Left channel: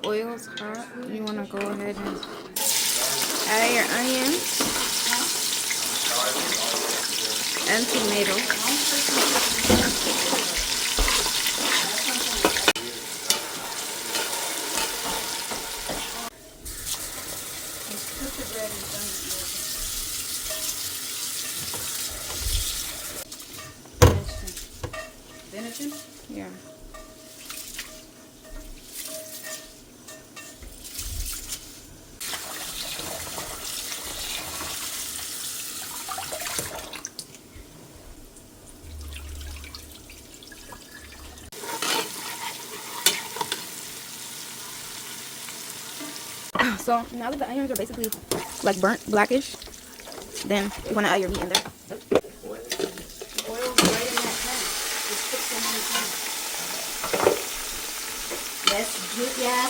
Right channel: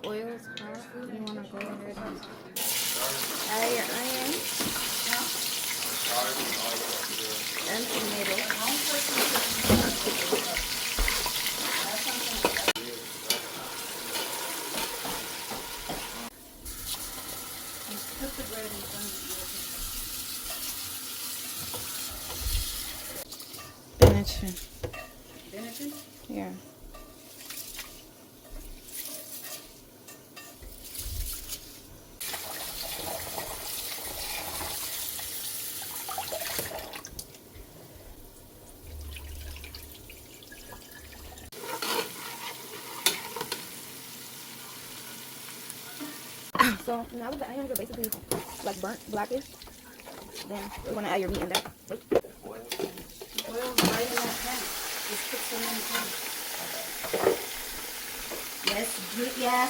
the oil's hot, you want to go ahead and add your onions and tomato. Benachin. Benechin? Yeah. So now that the onions are basically like burnt blackish, then you want to add your meat in there. Oil right in that pan. Just put some in the pan. Yes, good, yeah.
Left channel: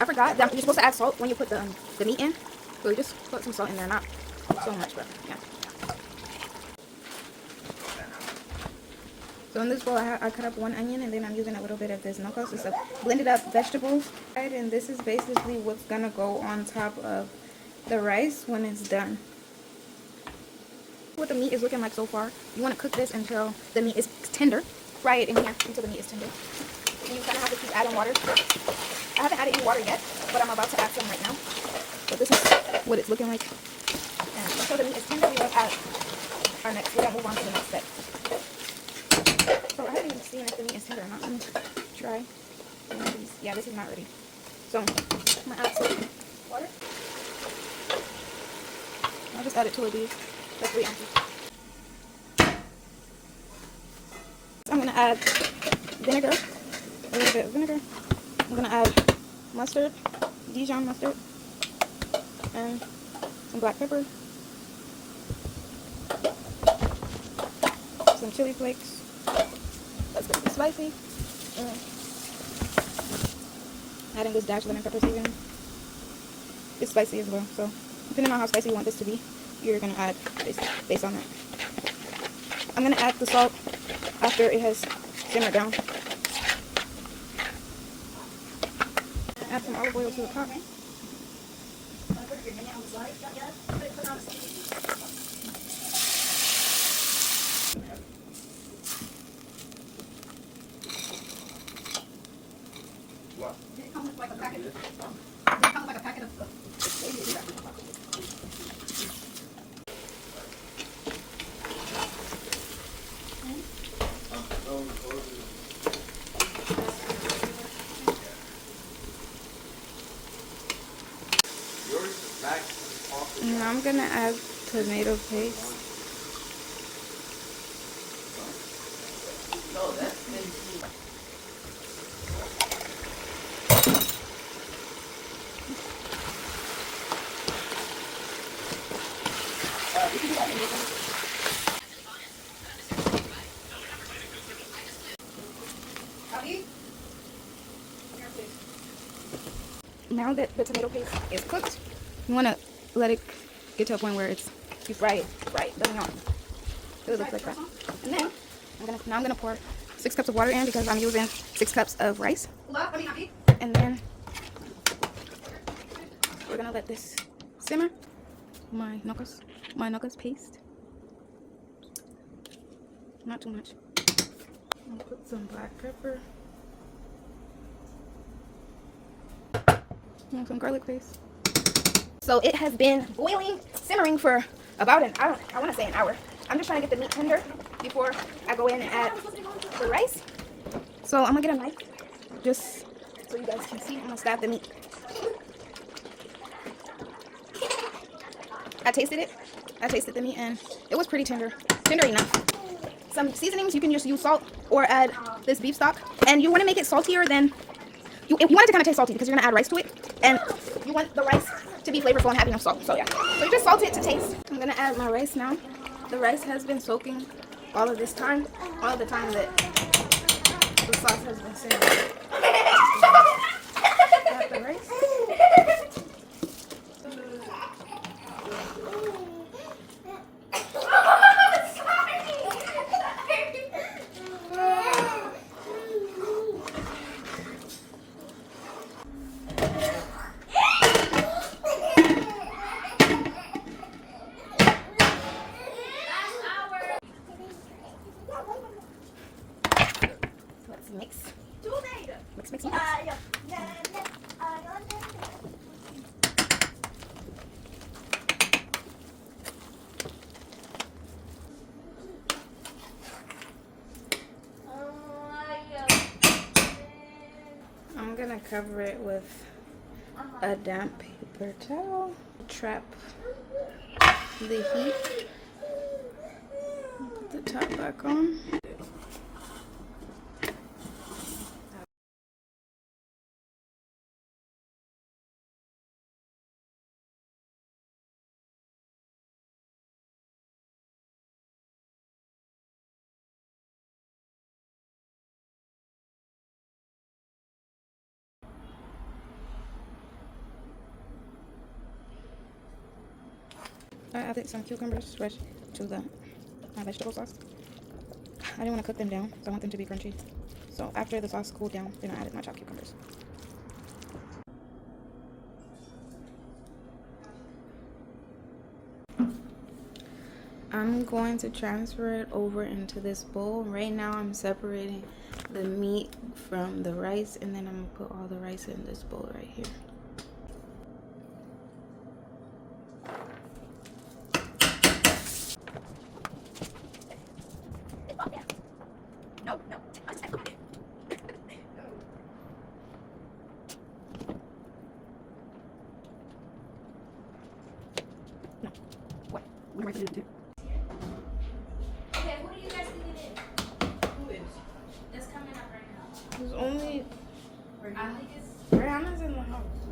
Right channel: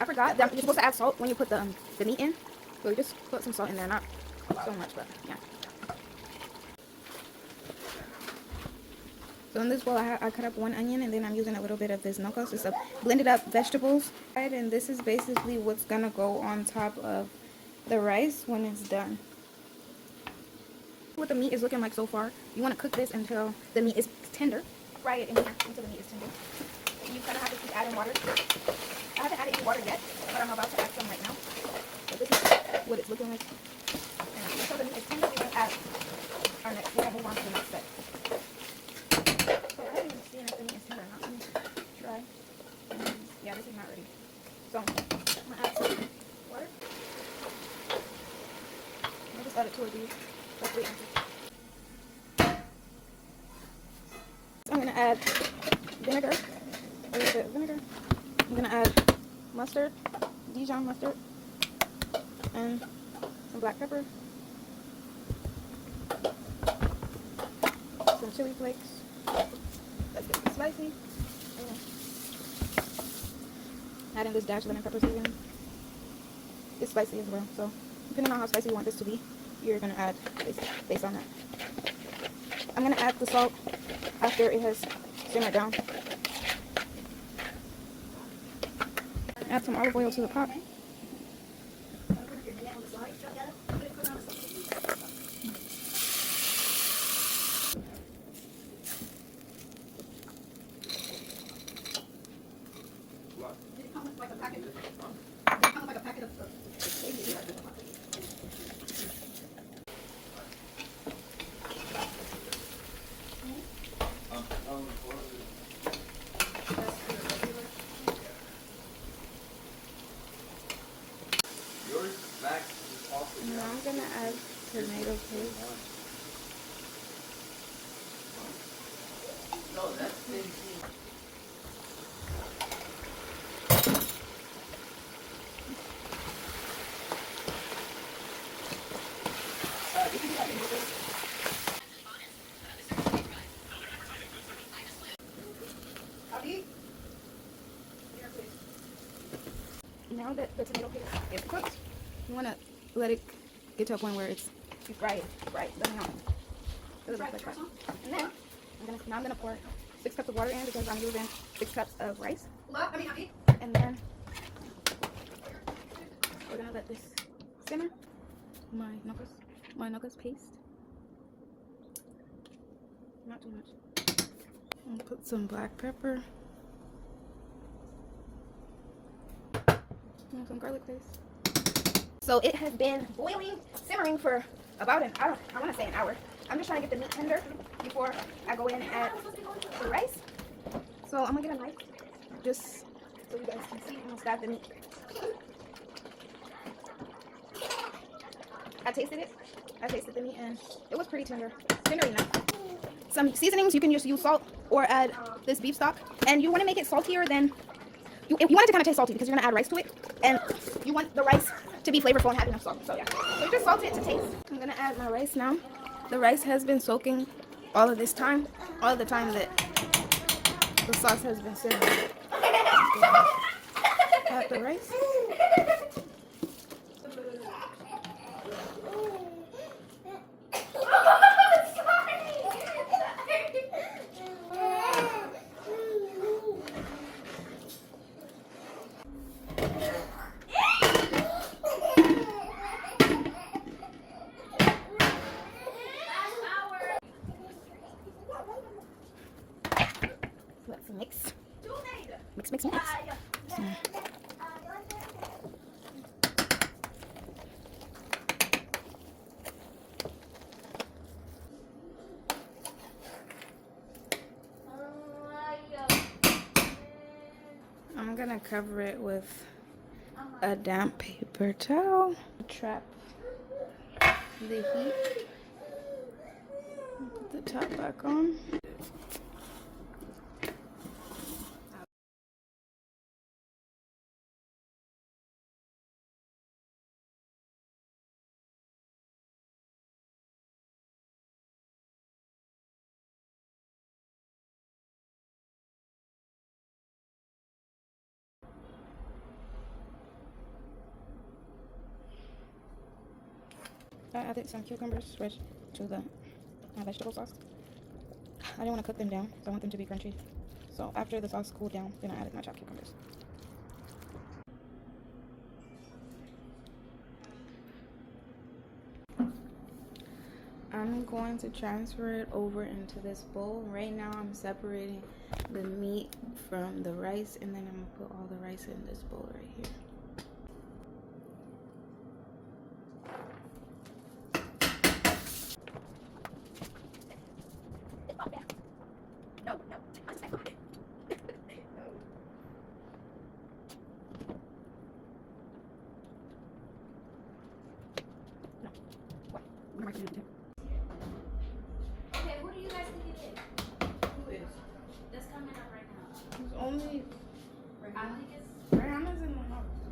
I forgot that you're supposed to add salt when you put the meat in. So you just put some salt in there, not so much, but yeah. So in this bowl, I cut up one onion, and then I'm using a little bit of this nokos. It's a blended up vegetables. And this is basically what's gonna go on top of the rice when it's done. What the meat is looking like so far, you want to cook this until the meat is tender. Fry it in here until the meat is tender. And you kind of have to keep adding water. I haven't added any water yet, but I'm about to add some right now. So this is what it's looking like. And until the meat is tender, we will add our next. We gotta move on to the next step. So I haven't even seen if the meat is tender or not. Let me try. Yeah, this is not ready. So I'm gonna add some water. I'll just add it to these. Like 3 ounces. I'm gonna add vinegar, a little bit of vinegar. I'm gonna add mustard, Dijon mustard, and some black pepper, some chili flakes. That's gonna be spicy. And adding this dash lemon pepper seasoning. It's spicy as well, so depending on how spicy you want this to be, you're gonna add based on that. I'm gonna add the salt after it has simmered down. Add some olive oil to the pot. Now I'm gonna add tomato paste. Now that the tomato paste is cooked, you want to let it get to a point where you fry it right. Doesn't know. It looks like that. And then I'm gonna pour 6 cups of water in because I'm using 6 cups of rice. And then we're gonna let this simmer. My nokos paste. Not too much. I'll put some black pepper. And some garlic paste. So it has been boiling, simmering for about I want to say an hour. I'm just trying to get the meat tender before I go in and add the rice. So I'm gonna get a knife just so you guys can see. I'm gonna stab the meat. I tasted the meat, and it was pretty tender enough. Some seasonings, you can just use salt or add this beef stock, and you want to make it saltier than you want it to kind of taste salty because you're gonna add rice to it, and you want the rice to be flavorful and have enough salt. So yeah, so just salt it to taste. I'm gonna add my rice now. The rice has been soaking all of this time, all the time that the sauce has been simmering. Add the rice. cover it with a damp paper towel. Trap the heat. Put the top back on. I added some cucumbers fresh to the my vegetable sauce. I didn't want to cook them down, so I want them to be crunchy. So after the sauce cooled down, then I added my chopped cucumbers. I'm going to transfer it over into this bowl. Right now I'm separating the meat from the rice, and then I'm going to put all the rice in this bowl right here. Okay, who do you guys think it is? Who is? That's coming up right now. There's only I think it's Rihanna's in the house.